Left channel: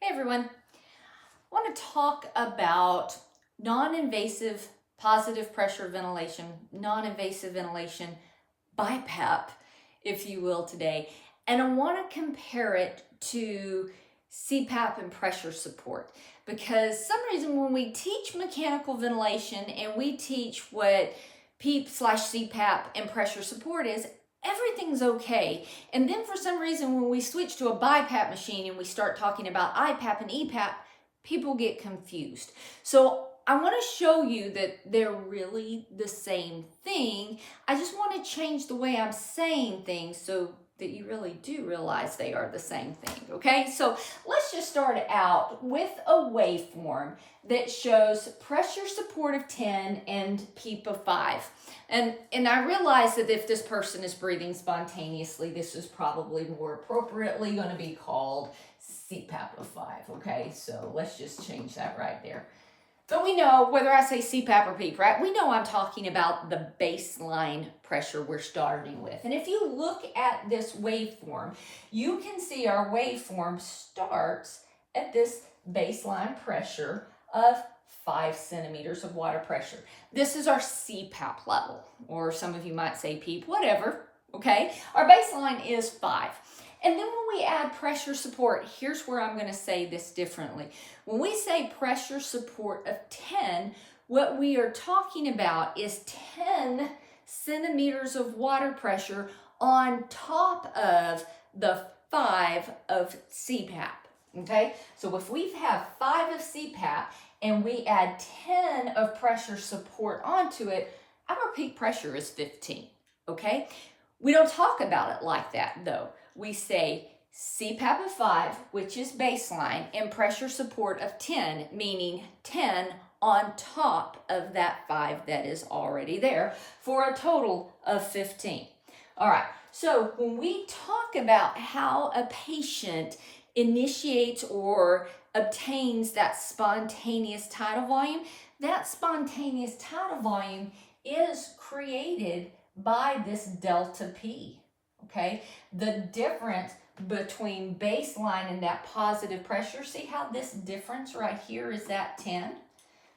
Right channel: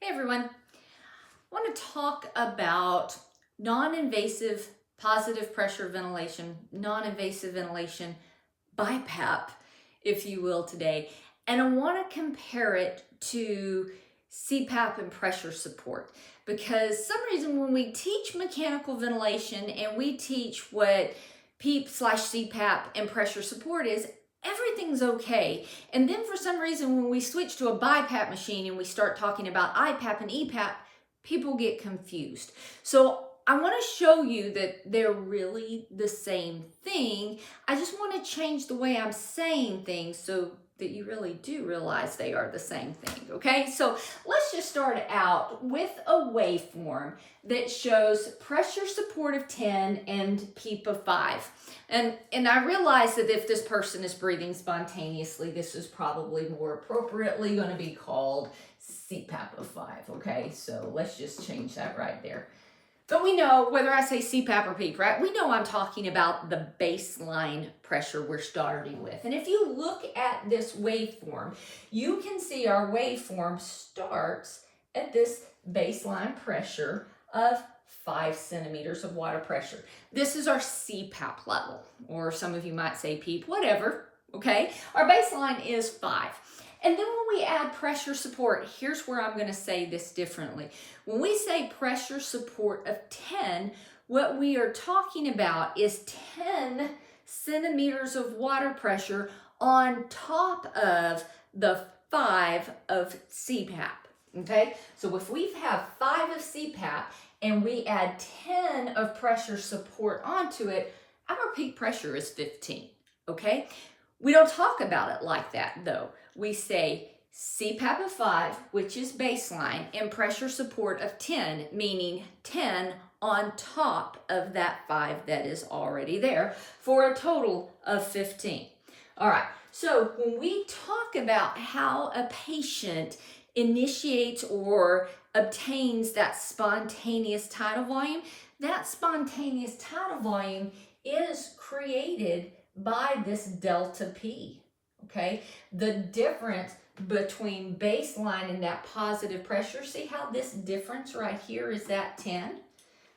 Hey everyone, I want to talk about non-invasive positive pressure ventilation, non-invasive ventilation, BiPAP, if you will, today. And I want to compare it to CPAP and pressure support because some reason when we teach mechanical ventilation and we teach what PEEP/CPAP and pressure support is, everything's okay. And then for some reason, when we switch to a BiPAP machine and we start talking about IPAP and EPAP, people get confused. So I want to show you that they're really the same thing. I just want to change the way I'm saying things so that you really do realize they are the same thing, okay? So let's just start out with a waveform that shows pressure support of 10 and PEEP of 5. And I realize that if this person is breathing spontaneously, this is probably more appropriately going to be called CPAP of 5, okay? So let's just change that right there. But we know, whether I say CPAP or PEEP, right? We know I'm talking about the baseline pressure we're starting with. And if you look at this waveform, you can see our waveform starts at this baseline pressure of 5 centimeters of water pressure. This is our CPAP level, or some of you might say PEEP, whatever, okay? Our baseline is 5. And then when we add pressure support, here's where I'm going to say this differently. When we say pressure support of 10, what we are talking about is 10 centimeters of water pressure on top of the 5 of CPAP, okay? So if we have 5 of CPAP and we add 10 of pressure support onto it, our peak pressure is 15, okay? We don't talk about it like that though. We say CPAP of 5, which is baseline, and pressure support of 10, meaning 10 on top of that 5 that is already there, for a total of 15. All right, so when we talk about how a patient initiates or obtains that spontaneous tidal volume, that spontaneous tidal volume is created by this delta P. Okay, the difference between baseline and that positive pressure, see how this difference right here is that 10?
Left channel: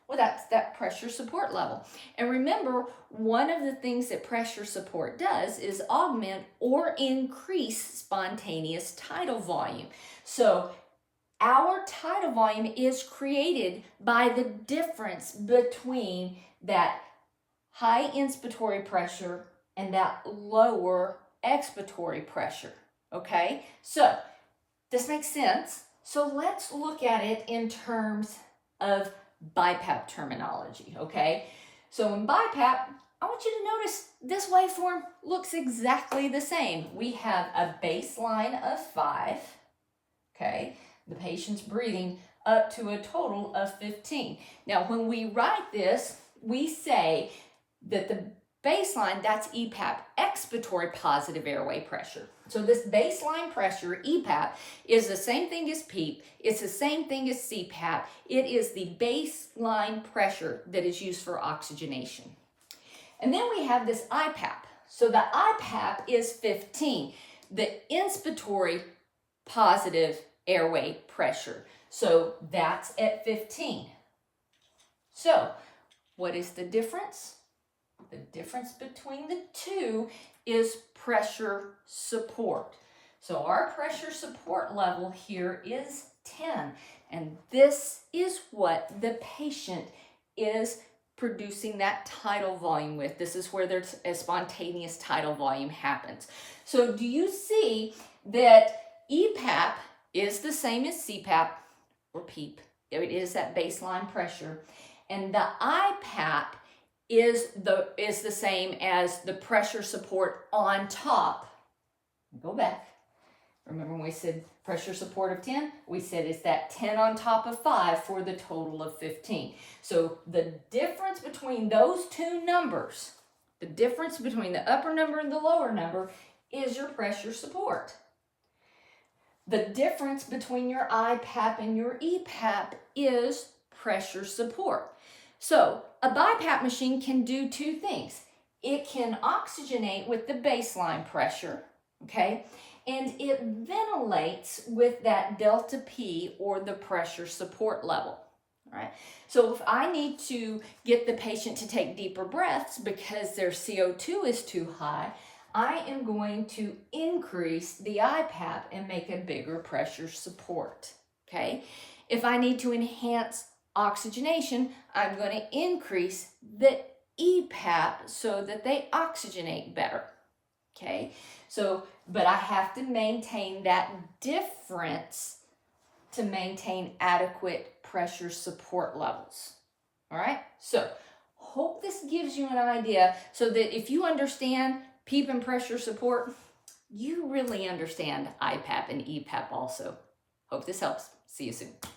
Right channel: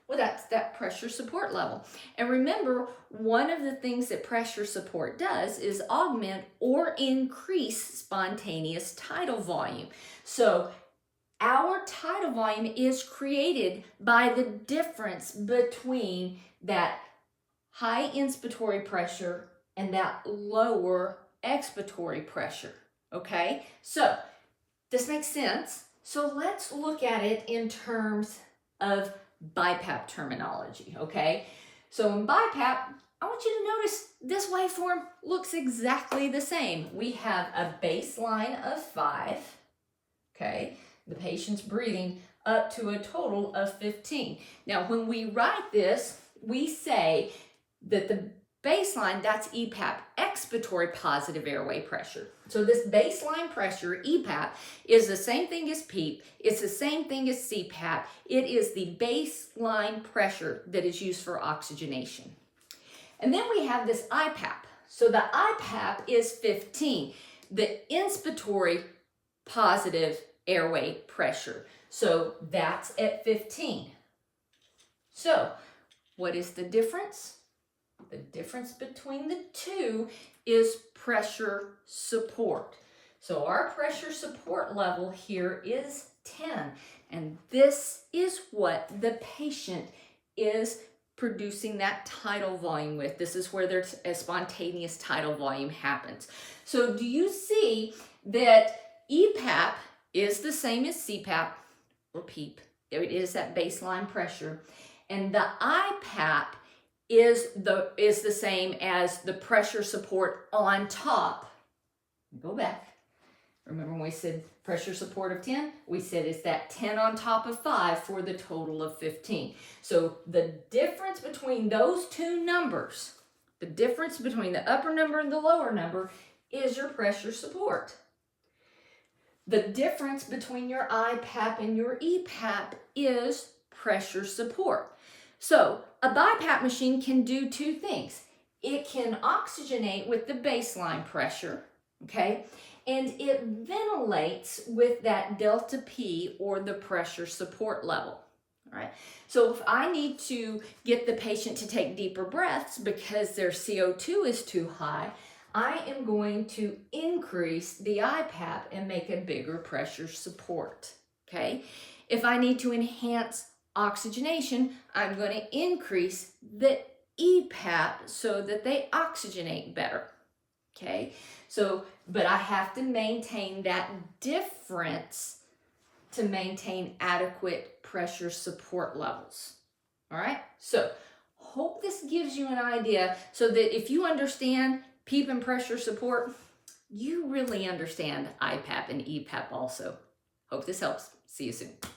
Well, that's that pressure support level. And remember, one of the things that pressure support does is augment or increase spontaneous tidal volume. So our tidal volume is created by the difference between that high inspiratory pressure and that lower expiratory pressure, okay? So this makes sense. So let's look at it in terms of BiPAP terminology, okay? So in BiPAP, I want you to notice this waveform looks exactly the same. We have a baseline of 5, okay? The patient's breathing up to a total of 15. Now, when we write this, we say that the baseline, that's EPAP, expiratory positive airway pressure. So this baseline pressure, EPAP, is the same thing as PEEP. It's the same thing as CPAP. It is the baseline pressure that is used for oxygenation. And then we have this IPAP. So the IPAP is 15, the inspiratory positive airway pressure. So that's at 15. So what is the difference? The difference between the two is pressure support. So our pressure support level here is 10, and this is what the patient is producing that tidal volume with. This is where there's a spontaneous tidal volume happens. So do you see that EPAP is the same as CPAP or PEEP? It is that baseline pressure, and the IPAP is the same as the pressure support on top. Go back. Remember when we said pressure support of 10? We said it's that 10 on top of 5 for the total of 15. So the difference between those two numbers, the difference between the upper number and the lower number, is your pressure support. The difference between your IPAP and your EPAP is pressure support. So a BiPAP machine can do two things. It can oxygenate with the baseline pressure, okay? and it ventilates with that delta P, or the pressure support level. All right. So if I need to get the patient to take deeper breaths because their CO2 is too high, I am going to increase the IPAP and make a bigger pressure support. Okay. If I need to enhance oxygenation, I'm going to increase the EPAP so that they oxygenate better. Okay. So, but I have to maintain that difference to maintain adequate pressure support levels. All right. So hope this gives you an idea so that if you understand PEEP and pressure support, you really understand IPAP and EPAP also. Hope this helps. See you soon.